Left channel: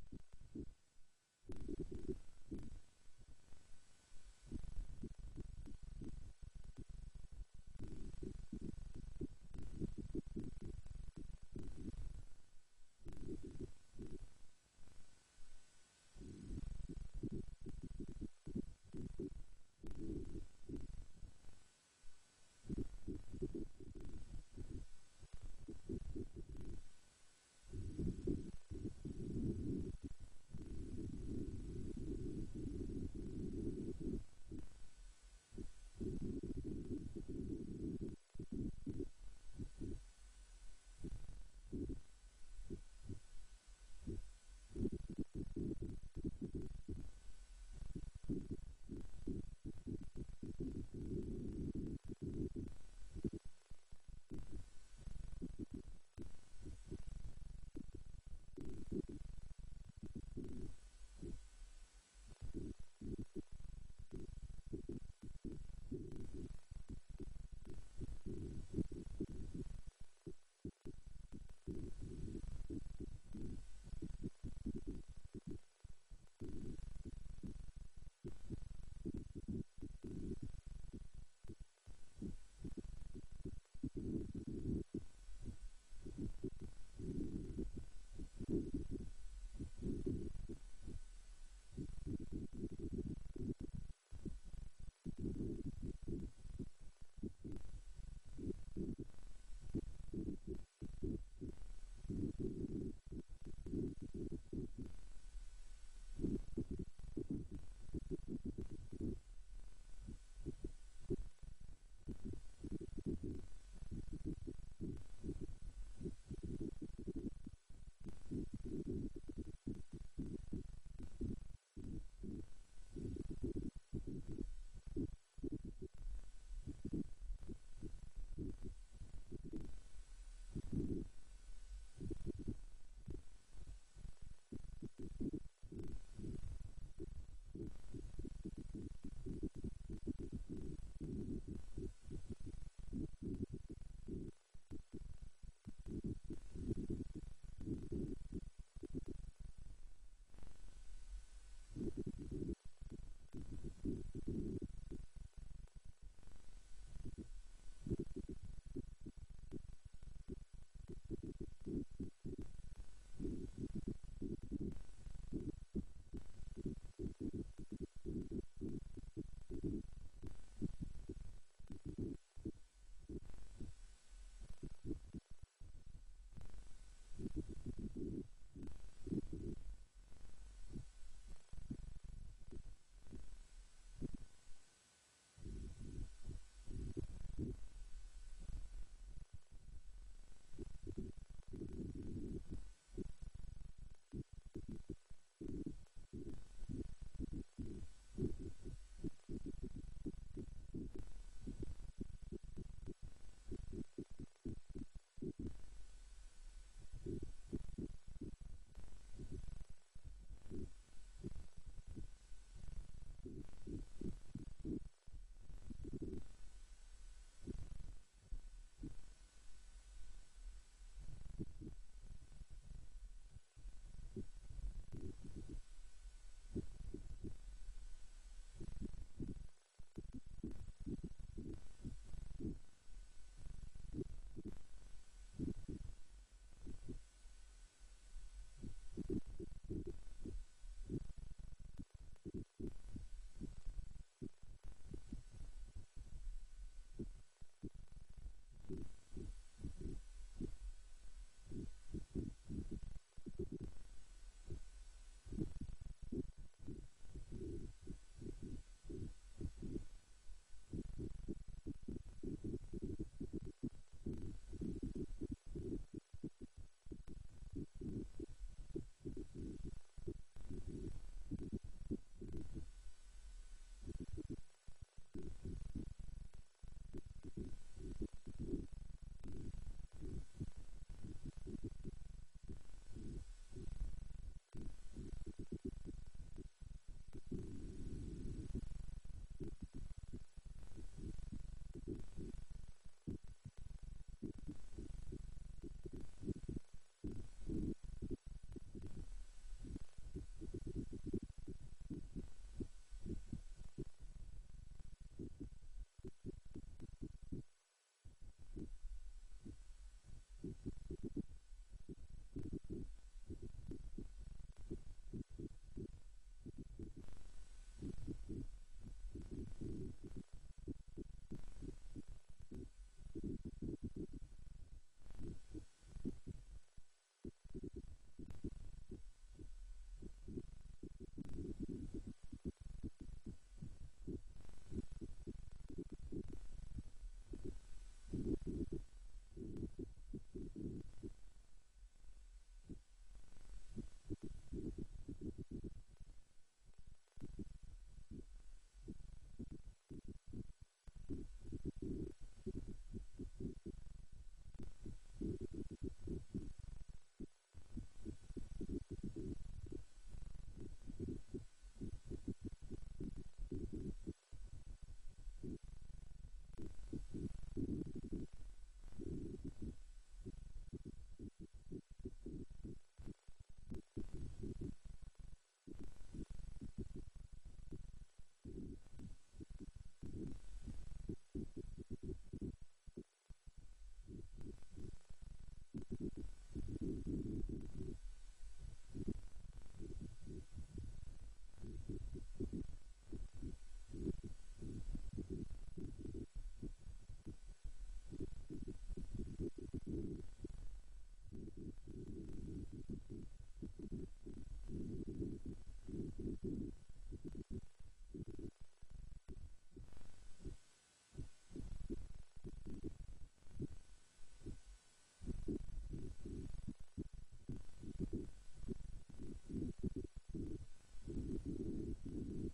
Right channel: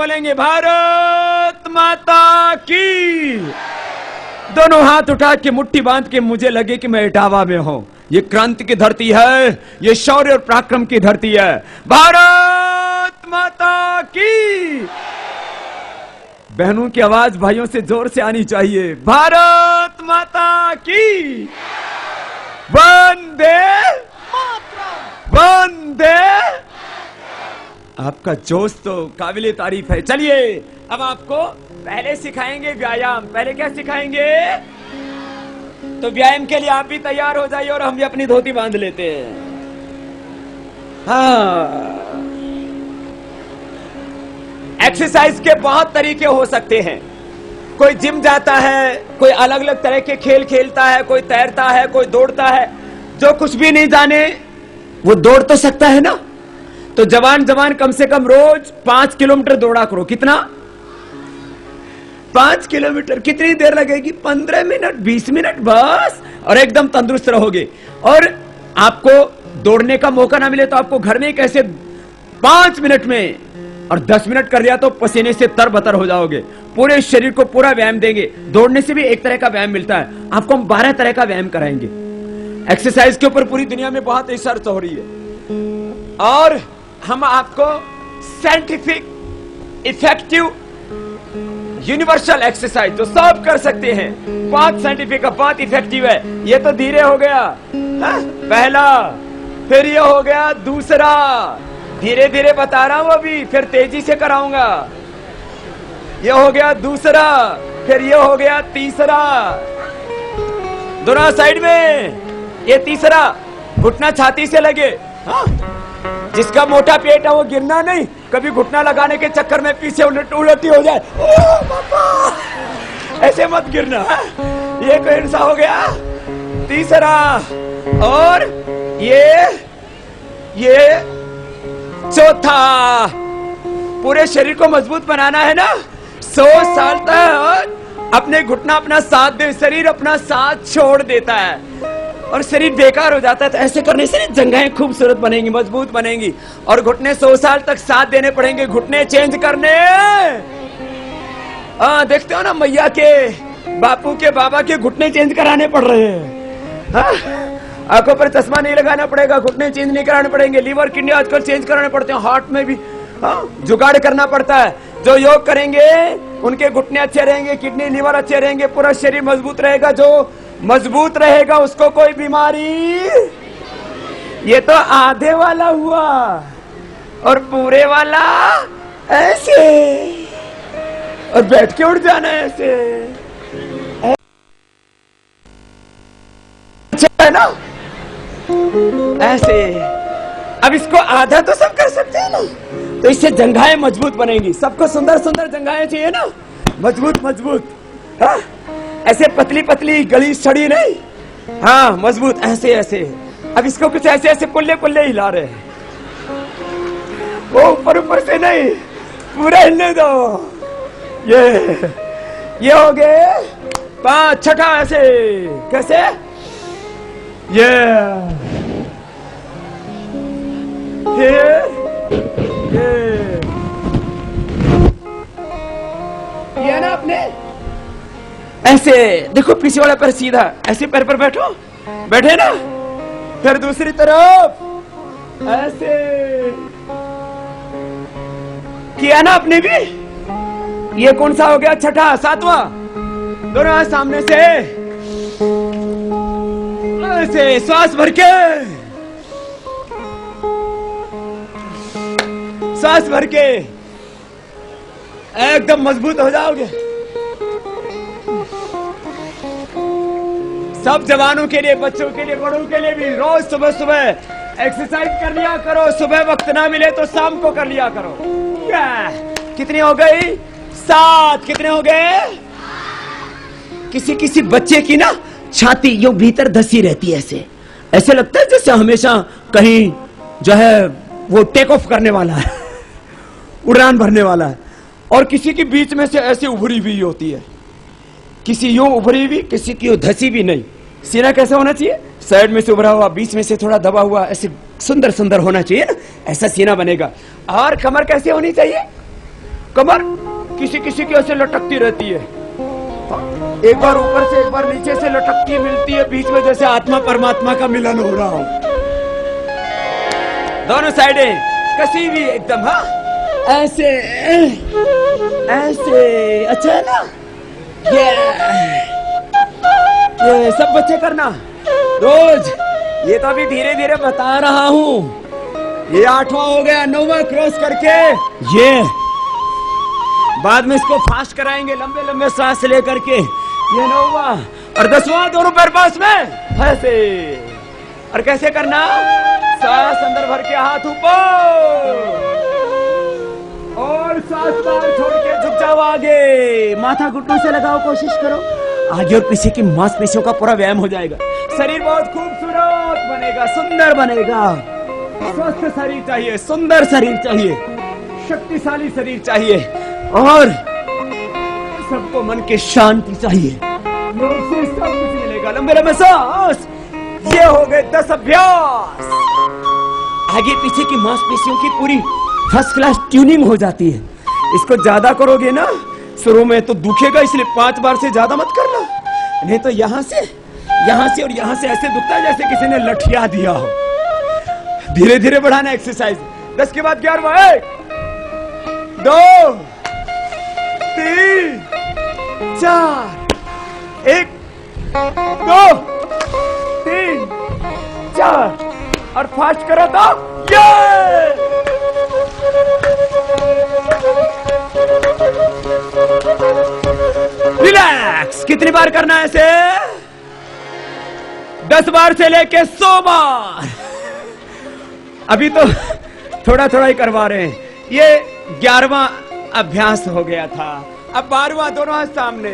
बोलेंगे भारत माता की। दोनों हाथ उठा के मुट्ठी बांध के मुझे लगे कि मैं इटावा में हूं। ये क्रांति की धरती है, ये शौर्य और पराक्रम की धरती है। भारत माता की। बहनों की आवाज भाइयों से जोर से आनी चाहिए। भारत माता की। वंदे वंदे। आपका जोश तो काबिले तारीफ है। चलिए अब आपको पहले सिखाएंगे व्यायाम। पहले क्या सिखाएंगे? तो व्यायाम के लिए आप भी तैयार हो जाइए और हम भी अपनी धोती बांध लेते हैं। हाँ, एक्सरसाइज के बहुत तरीके हो सकते हैं। कोई जिम जाता है, कोई अलग अलग तरह के खेल खेलता है, कोई तैरता है, कोई दौड़ता है। जो कुछ भी नहीं जाने वो दौड़ तो सकता है ना। तो जवान कम से कम रोज 5 किलोमीटर दौड़ा करो। कितना? 5 किलोमीटर। कितनी देर लगेगी? 15 मिनट, 20 मिनट बस, और एकदम तंदुरुस्त रहोगे। और आपको दौड़ने का मौका ना मिले तो आपको घर में कैसे 5 मिनट में और 10 मिनट कर दिया तो पसीने से तरबतर हो जाओगे। पूरे शरीर को पूरा व्यायाम देंगे। दौड़ने से भी एक तरह का व्यायाम मिलता है। आपको हम 12 तरह का व्यायाम कराएंगे। एक्सरसाइज के ऊपर पूरी दुनिया में बहुत रिसर्च हो रही है और हम आपको साइंटिफिक, इफेक्टिव, यूनिवर्सल एक्सरसाइज जो सब कर सकते हैं। बहुत साइंटिफिक है, बहुत इफेक्टिव है। ये तो धीरे हो गया पहला, फिर ये हो गया दूसरा। धीरे धीरे बता रहा हूं अभी, फिर तेजी से कराऊंगा। ये हो गया दूसरा, फिर ये हो गया तीसरा। दोनों साइड में। ये तीसरा, घुटना छाती से लगे। हाँ? जिसका मोटा पेट है वो गिरना नहीं। कभी घुटना लगाने के चक्कर में पीछे उलटी हो जाए, ओ बाबा, ऐसे मत गिरना। ये कौन सा हो गया? तीसरा। और ये चौथा। पूरे शरीर को मजबूत बनाना है ना। 100 साल तक अपने घुटना अपना साथ दे, शरीर अपना साथ छोड़ देता है और शरीर बेकार हो जाता है। तो ऐसे करने से जंघें खूबसूरत बनेंगी, मजबूत बनेंगी। और घुटने 100 साल तक साथ देने पड़ेंगे। घुटने चेंज करने। देखते हो ना, मैया के, बापू के, बाबा के घुटने चेंज कराने पड़ रहे हैं। आंखों पर चश्मा नहीं लगाना पड़ेगा, घुटने चेंज नहीं कराने पड़ेंगे। लीवर, किडनी आजकल चेंज कराने पड़ते हैं। हार्ट में भी जुगाड़ करना पड़ता है। जो योग करेंगे उनके घुटने अच्छे रहेंगे, किडनी, लीवर अच्छे रहेंगे, पूरा शरीर मजबूत रहेगा। जो मजबूत रहेगा उसको कोई बीमारी। ये तो आधे वाला हुआ और पूरे वाला ऐसे, और बैठ के उठ जाना ऐसे। अच्छा है ना? ऐसे। अब इसको आधा तो सब कर सकते हैं ना। तो इससे जंघाएं मजबूत बनेंगी। सबको सुंदर सुंदर जंघाएं चाहिए ना, मजबूत मजबूत। हाँ? ऐसे पतली पतली, गली सड़ी नहीं। हाँ, मजबूत ऐसे ऐसे। अब इसको कुछ ऐसे ऐसे कुल्ले कुल्ले हिला रहे हैं। वो ऊपर ऊपर से नहीं, पूरा हिलने दो। ये हो गए 5। छठा ऐसे। कैसे? ये ना अपने ऐसे देखो, पीछे वाला पैर सीधा, ऐसे पैर पर बैठो, बैठे ना। फिर दूसरी तरफ ऐसे किया ना आपने भी। ये कौन सा हो गया? छठा। 7वां। दोनों हाथ सामने से ऐसे, श्वास भर के, श्वास भर के एकदम मजबूत हो जाओगे। सब जवानों के लिए, बच्चों के लिए, बड़ों के लिए भी रोज सुबह सुबह एक्सरसाइज कर लिया करो। सुबह वक्त ना मिले तो शाम को कर लिया करो। कितनी हो गई? 7। कितने हो गए? किसी किसी बच्चे की ना छाती यो भीतर धसी रहती है। ऐसे ऐसे लगता है जैसे हमेशा कहीं जो है वो टेक ऑफ करने वाला है, उड़ान भरने वाला है। और किसी की बीच में से ऐसे उभरी हुई होती है। किसी यूं उभरी हुई, किसी की धसी भी नहीं। सीना कैसा होना चाहिए? साइड में से उभरा हुआ, बीच में से थोड़ा दबा हुआ, ऐसे सुंदर सुंदर होना चाहिए ना। ऐसा सीना बनेगा। और कमर कैसे होनी चाहिए? कमर किसी किसी की ऐसे लटकती रहती है, एक बार ऊपर से एक बार नीचे से लटकती मिलती है, बीच में जैसे आत्मा परमात्मा का मिलन हो रहा हो। दोनों साइडें कसी भी एकदम, हाँ ऐसे ऐसे, अच्छा है ना? ये सब बच्चे करना रोज। ये तो अभी धीरे धीरे बता रहा हूँ, ये 8वां हो गया, 9वां क्रॉस करके ये बाद में इसको फास्ट कराएंगे, लंबे लंबे सांस लेकर के। ये 9वां और 10वां दोनों पैर पास में ऐसे। और कैसे करना? सांस अंदर भर के हाथ ऊपर और सांस बाहर छोड़ के झुक जाओ आगे, माथा घुटनों से लगाओ, कोशिश करो आगे और पीछे की मांसपेशियों का पूरा व्यायाम हो जाएगा। शरीर बहुत खूबसूरत बनेगा, सुंदर बनेगा। स्वस्थ शरीर चाहिए, सुंदर शरीर चाहिए, शक्तिशाली शरीर चाहिए और सबको मन की शांति चाहिए। योग से सब कुछ मिलेगा। लंबे लंबे सांस। ये हो गए 10 अभ्यास। आगे पीछे की मांसपेशियों की पूरी फर्स्ट क्लास ट्यूनिंग हो जाती है। इसको ज्यादा करोगे ना शुरू में तो दुखेगा, इसलिए 5 बार से ज्यादा मत करना, नहीं तो यहां से और यहां से ऐसे दुखता है जैसे किसी ने लठिया दिया हो। धीरे धीरे बढ़ाना एक्सरसाइज। 10 के बाद 11वां, 1 2 3 4, 1 2 3 4 और फास्ट करो तो ये। रिलैक्स। कितनी बार करना है ऐसे? 10 बार से लेके 100 बार। अभी तो थोड़ा थोड़ा ही करवा रहे हैं। ये 11वां अभ्यास हो गया था। अब 12वां, दोनों हाथ सामने,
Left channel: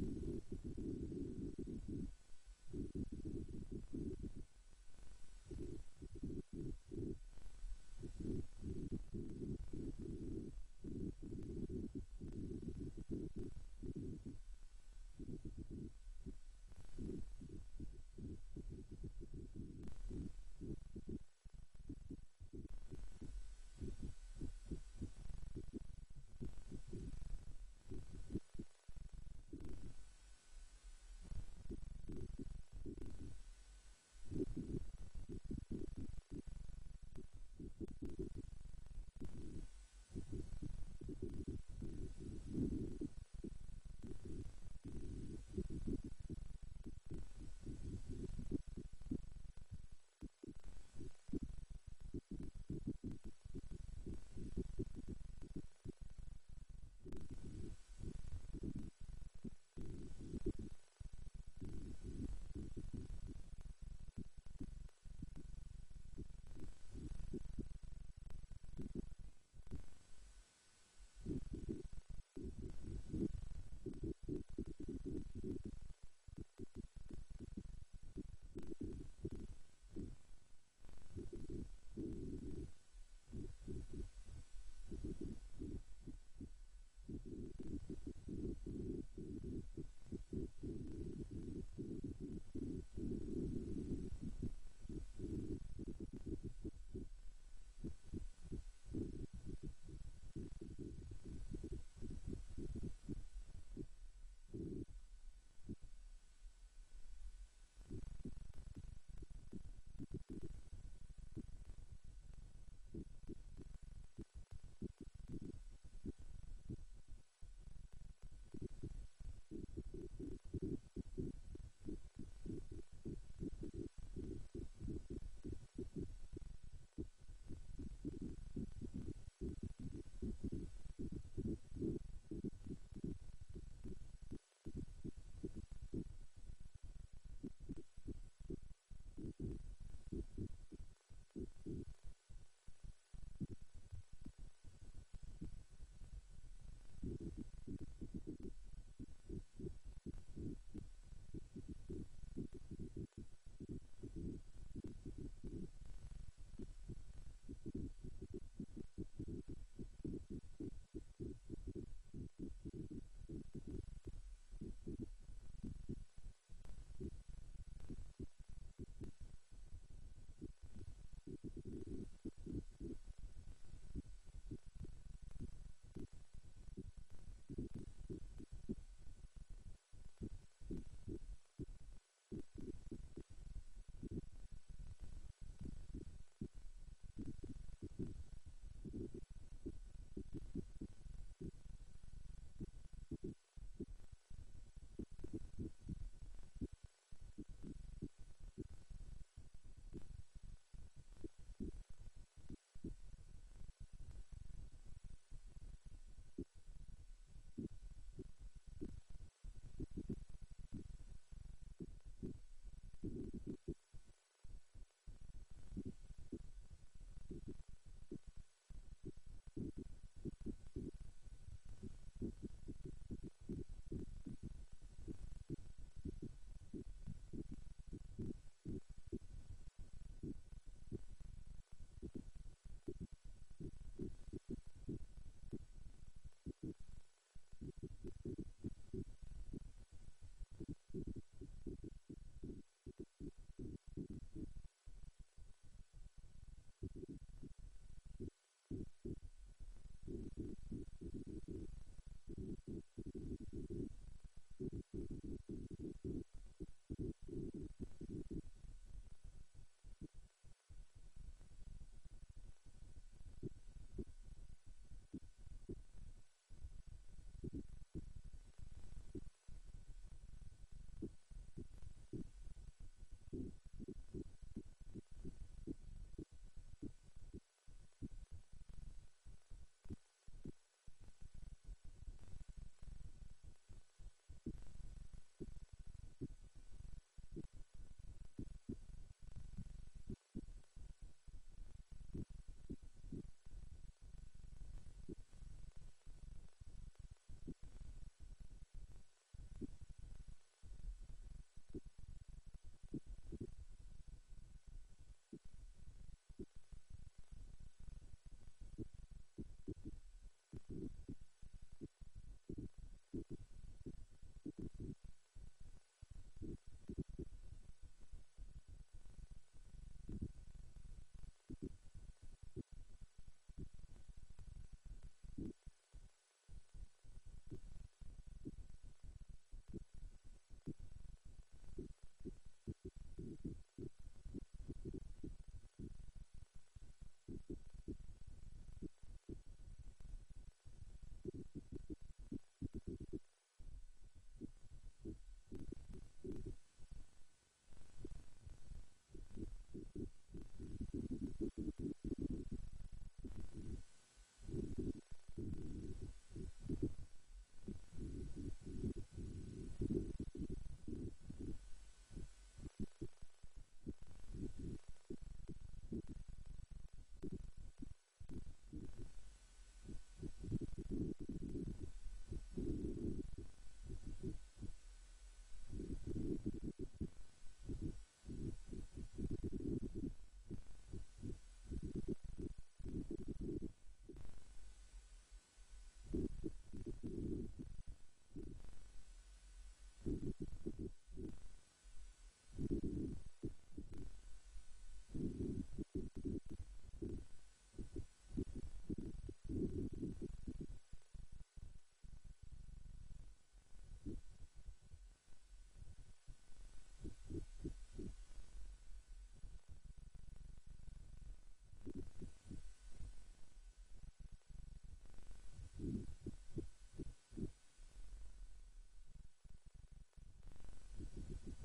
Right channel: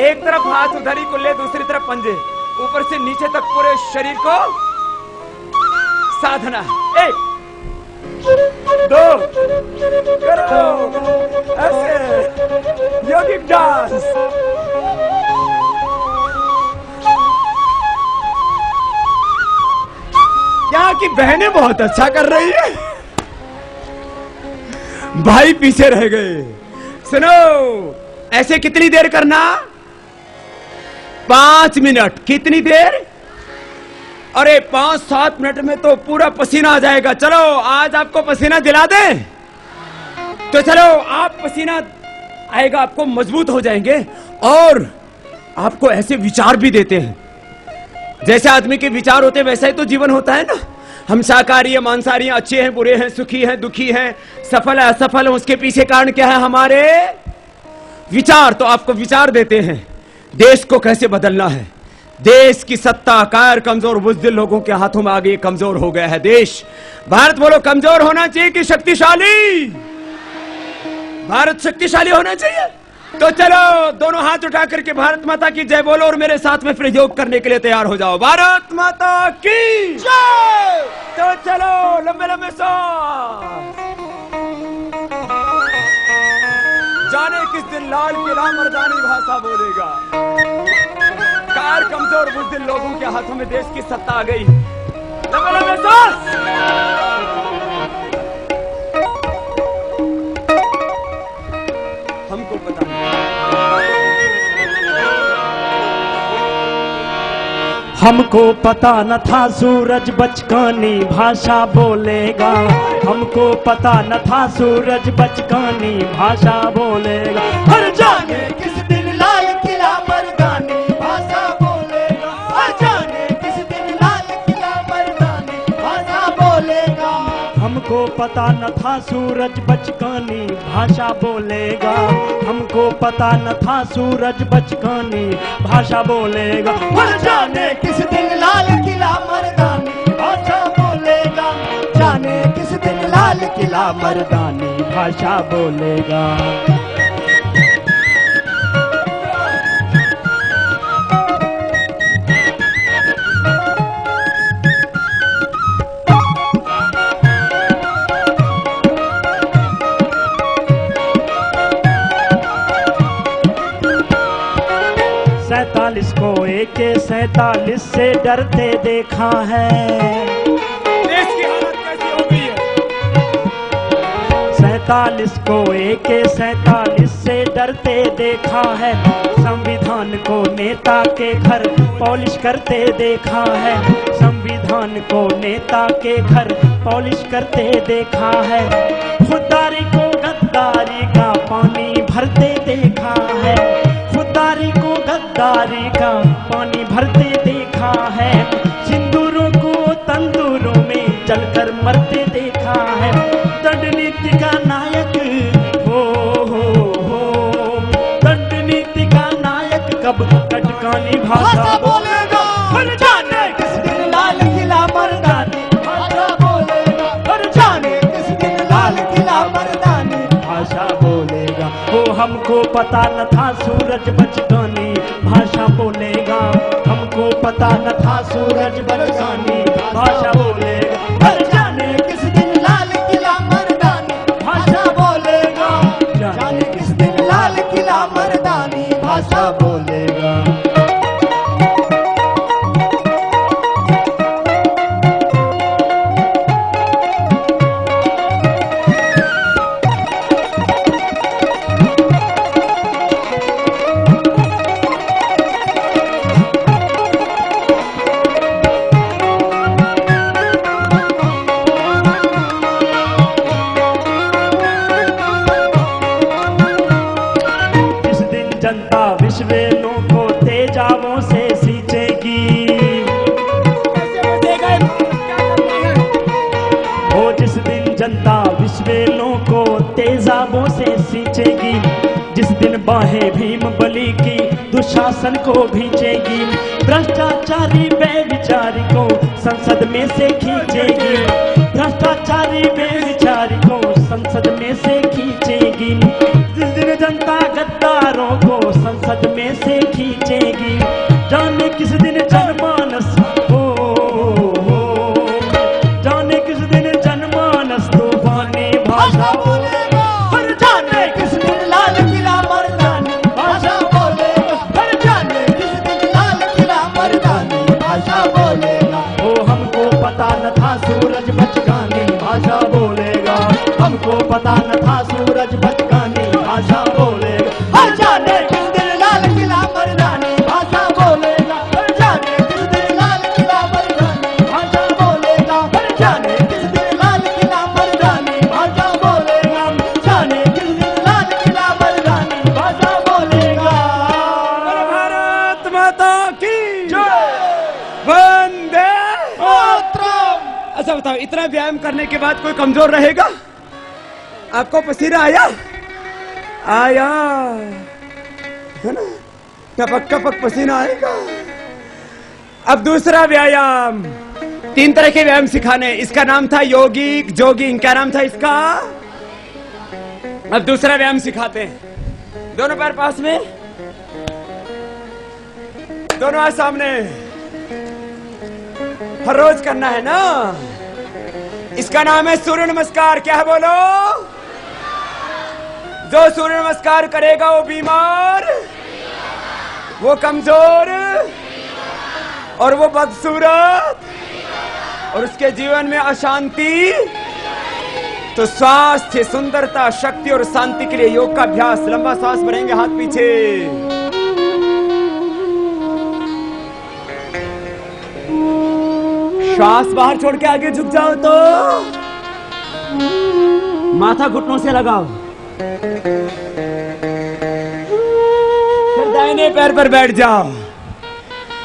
एक तरफ हाथ उधर ही कुल्ले, दूसरी तरफ पंजे, ऊपर से नीचे तक पूरे शरीर को साधना। 1 2 करो ऐसे, योगिक डांस। यहाँ की बहनें बहुत अच्छा कर रही है, भाई पीछे रह गए। सुनो, ऐसे कितनी देर करना? 5 मिनट। कितनी देर? अरे 5-7 मिनट में तो पूरा पसीना आ जाएगा। चलो आज आपको पसीना दिला दें। तो चलो, आप पसीना आएगा, आपको मजबूत हो जाएंगे और आपको ऐसे विचार भी देते हैं। जैसे आदमी के विचार होते हैं वैसा ही तो जीवन होता है ना। हम शाकाहारी है, मांसाहारी हैं, अच्छे हैं, बुरे हैं, सुखी हैं, दुखी हैं, सफल है, असफल है, उसके पीछे कारण क्या है? हमारे विचार। तो आपको विचार देते हैं देश को कैसे बदलना है। देश की सत्ता कायर, कमजोर, बुज़दिल लोगों के हाथों में आ गई, कमजोर हो गया है देश। भारत बोलो, कमजोर होना चाहिए कि शक्तिशाली? भारत शक्तिशाली होना चाहिए। तो चलो दोनों हाथ उठा करके भारत माता की जय बोलो और मेरे साथ में फिर योग करने के लिए तैयार हो जाओ। भारत माता की जय। तो चलो लंबे लंबे सांस। जाने किस दिन लाल किला मर्दानी भाषा बोलेगा। कार, कमजोर, बुज़दिल लोगों के हाथों में देश की सत्ता आ गई। लंबे लंबे सांस। हमको पता हमको पता न था सूरज बचकानी भाषा बोलेगा। हमको पता न था सूरज बचकानी भाषा बोलेगा। हर जाने किस दिन लाल किला मर्दानी भाषा बोलेगा। हर जाने किस दिन लाल किला मर्दानी भाषा बोलेगा। हमको पता न था सूरज बचकानी भाषा बोलेगा। हमको पता न था सूरज बचकानी भाषा बोलेगा। हर जाने किस दिन लाल किला मर्दानी भाषा बोलेगा। जाने किस दिन लाल किला मर्दानी भाषा बोलेगा। को AK-47 से डरते देखा है। देश की हालत कैसी हो गई है? AK-47 को AK-47 से डरते देखा है। संविधान को नेता के घर पॉलिश करते देखा है। संविधान को नेता के घर पॉलिश करते देखा है। खुददारी को गद्दारी का पानी भरते देखा है। खुददारी को गद्दारी का पानी भरते देखा है। सिंदूरों को तंदूरों में जलकर मरते देखा है। दंड नीति का नायक हो दंड नीति का नायक कब कटकानी भाषा बोलेगा। हर जाने किस दिन लाल किला मर्दानी भाषा बोलेगा। हर जाने किस दिन लाल किला मर्दानी भाषा बोलेगा। वो हमको पता न था सूरज बचकानी भाषा बोलेगा। हमको पता न था सूरज बचकानी भाषा बोलेगा। हर जाने किस दिन लाल किला मर्दानी भाषा बोलेगा। जाने किस दिन लाल किला मर्दानी भाषा बोलेगा। जनता विश्वेलों को तेजाबों से सींचेगी। वो जिस दिन जनता विश्वेलों को तेजाबों से सींचेगी। जिस दिन बाहें भीम बली की दुशासन को भींचेगी। भ्रष्टाचारी बेविचारी को संसद में से खींचेगी। भ्रष्टाचारी बेविचारी को संसद में से खींचेगी। जिस दिन जनता गद्दारों को संसद में से खींचेगी। जाने किस दिन जनमानस हो जाने किस दिन जनमानस तूफानी भाषा बोलेगा। हर जाने किस दिन लाल किला मर्दानी भाषा बोलेगा। हर जाने किस दिन लाल किला मर्दानी भाषा बोलेगा। वो हमको पता न था सूरज बचकानी भाषा बोलेगा। हमको पता न था सूरज बचकानी भाषा बोलेगा। हर जाने किस दिन लाल किला मर्दानी भाषा बोलेगा। हर जाने किस दिन लाल किला मर्दानी भाषा बोलेगा। हर जाने किस दिन लाल किला मर्दानी भाषा बोलेगा। जाने किस दिन लाल किला मर्दानी भाषा बोलेगा। भारत माता की वंदे मातरम। अच्छा बताओ, इतना व्यायाम करने के बाद कोई कमजोर रहेगा? आपको पसीना आया आया है ना? टपक टपक पसीना आएगा। अब दूसरा व्यायाम, 3 तरह के व्यायाम सिखाने। इसका नाम था योगिक जोगिंग। क्या नाम था इसका? अब दूसरा व्यायाम सिखाते हैं। दोनों पैर पास में, दोनों हाथ सामने। हर रोज करना है ना। इसका नाम है सूर्य नमस्कार। क्या है बोलो? जो सूर्य नमस्कार करेगा वो बीमार, वो कमजोर और वो बदसूरत और उसके जीवन में अशांति। तो स्वास्थ्य, सुंदरता, शक्ति और शांति के लिए योग का अभ्यास। लंबा सांस भरेंगे, हाथ पीछे। श्वास बाहर छोड़ के आगे झुक जाओ तो माथा घुटनों से लगाओ। फिर दाहिने पैर पर बैठ जाओ।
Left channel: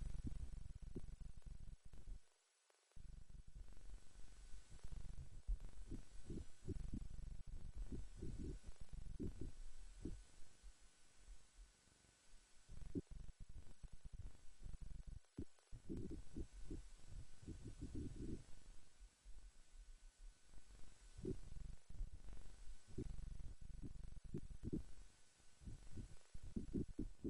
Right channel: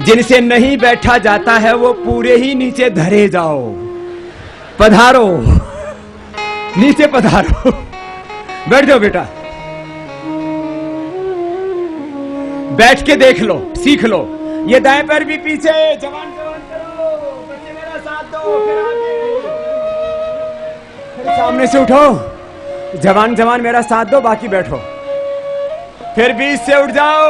जिनसे नहीं बैठा जाता है वो पूरे ही नीचे धरे जाओ। पधारो, नीचे पधारो। बैठ जाओ बेटा। बैठ के देख लो, सीख लो। ये दाएं पैर भी पीछे। जवान जवान करो, बच्चे मेरा साथ दो। फिर आगे, फिर सामने से उठो। जवान जवान मेरा साथ दो, बाकी बैठो। फिर बीच से उठ जाओ।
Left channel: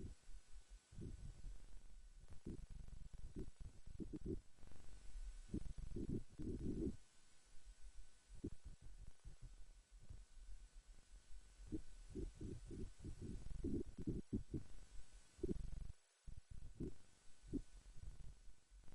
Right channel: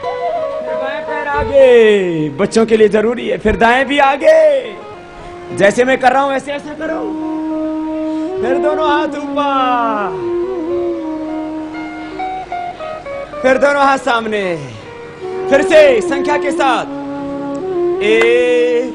फिर बाएं पैर आगे, बच्चों के लिए जरूरी है। फिर दाएं भी आगे, जैसे मैं कर रहा हूं ऐसे ऐसा करो। फिर दोनों हाथ ऊपर, फिर दोनों हाथ सामने। फिर से संख्या के साथ 1